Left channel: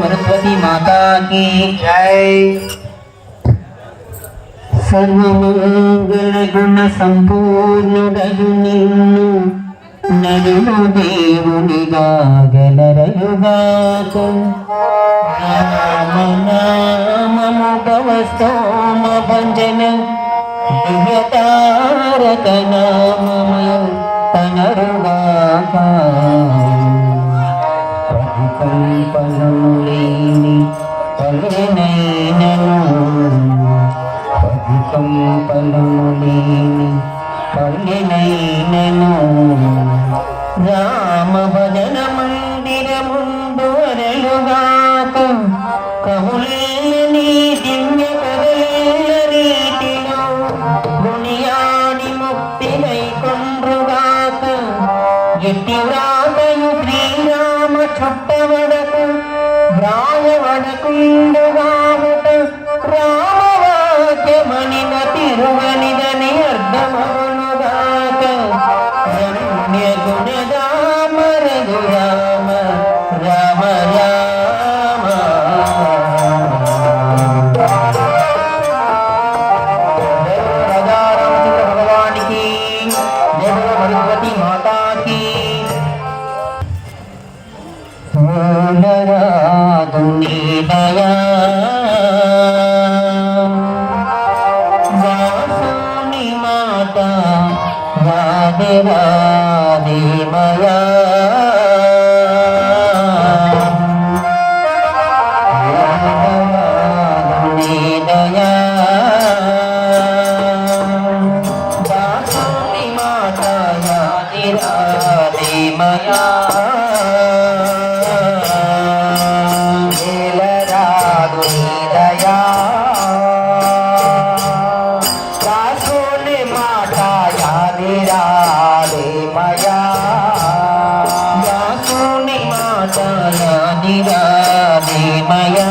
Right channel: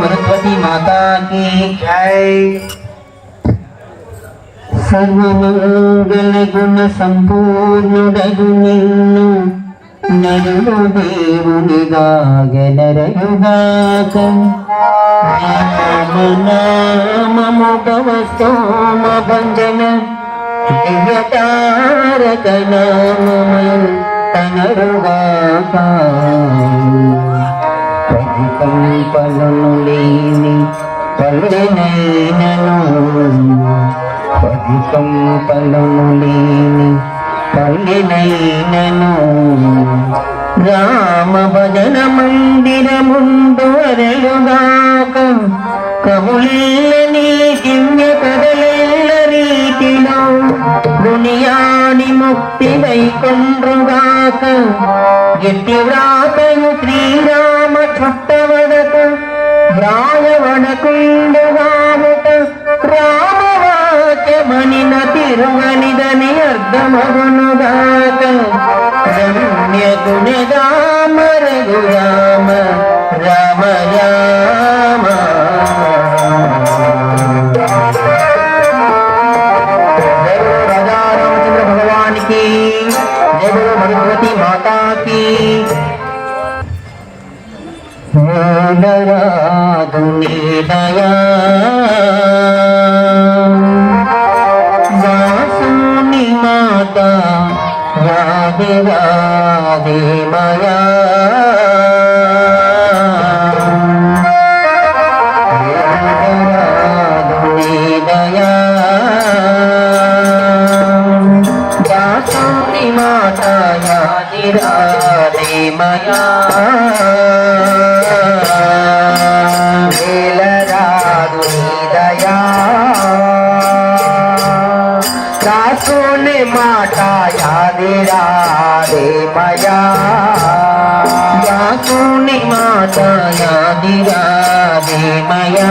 भगवती माता की जय। സർവമംഗള ഗുണ സമ്പൂർണുടകുനിന്നു നടുല ദേവുനിതാകലരയുവാകം രാമനാമമുപവസ്തോമഭഞ്ജന താരകനാമമ തനരുവാകാം పంపలను లేని పలునైనను పది కంపలను లేని పండినైనను రామ భజన మందిరముందు వరయుగాక రీతిలో దునియాని ముక్తి వైకుండ్రుగాక వ్రా ఎరుగనిదని అర్థమగునుగాక జన్యగుణగా మరగురా అభివాదిమయా మాతాయా రాధేమయా యాకుని మాత యాది రాధే మయా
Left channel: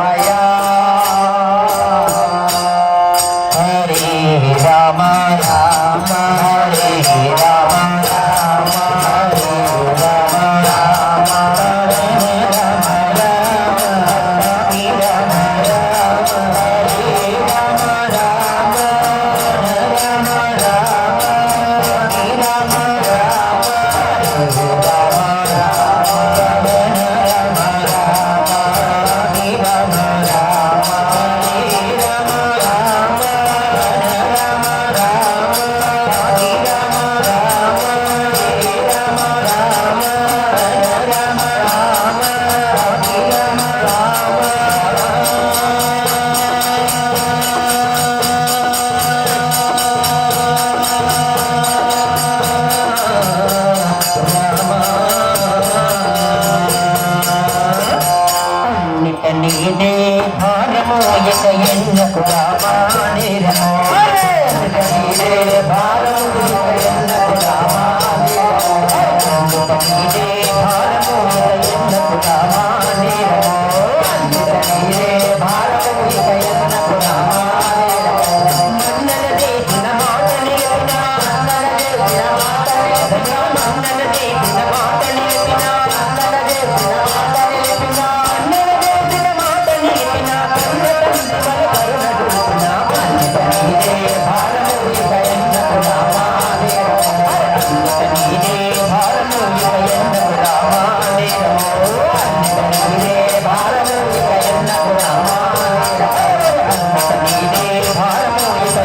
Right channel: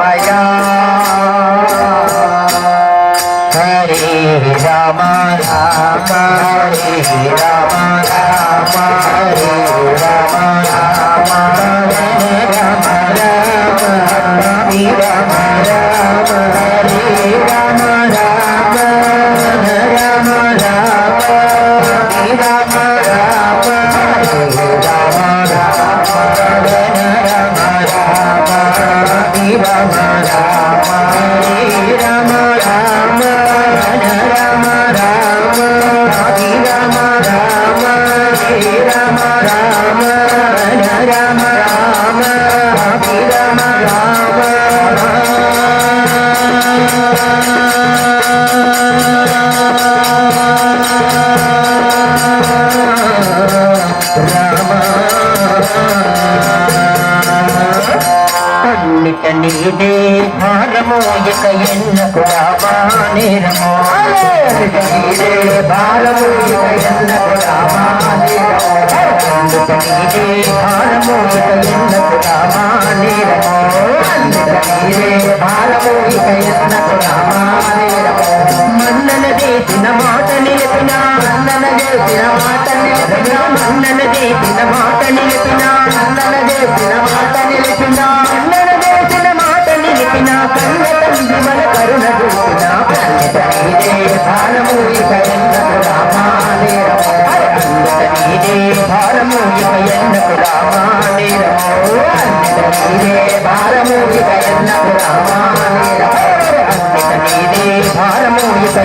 భారము ఇక ఎన్నకు రామా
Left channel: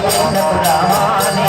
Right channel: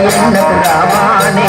భారము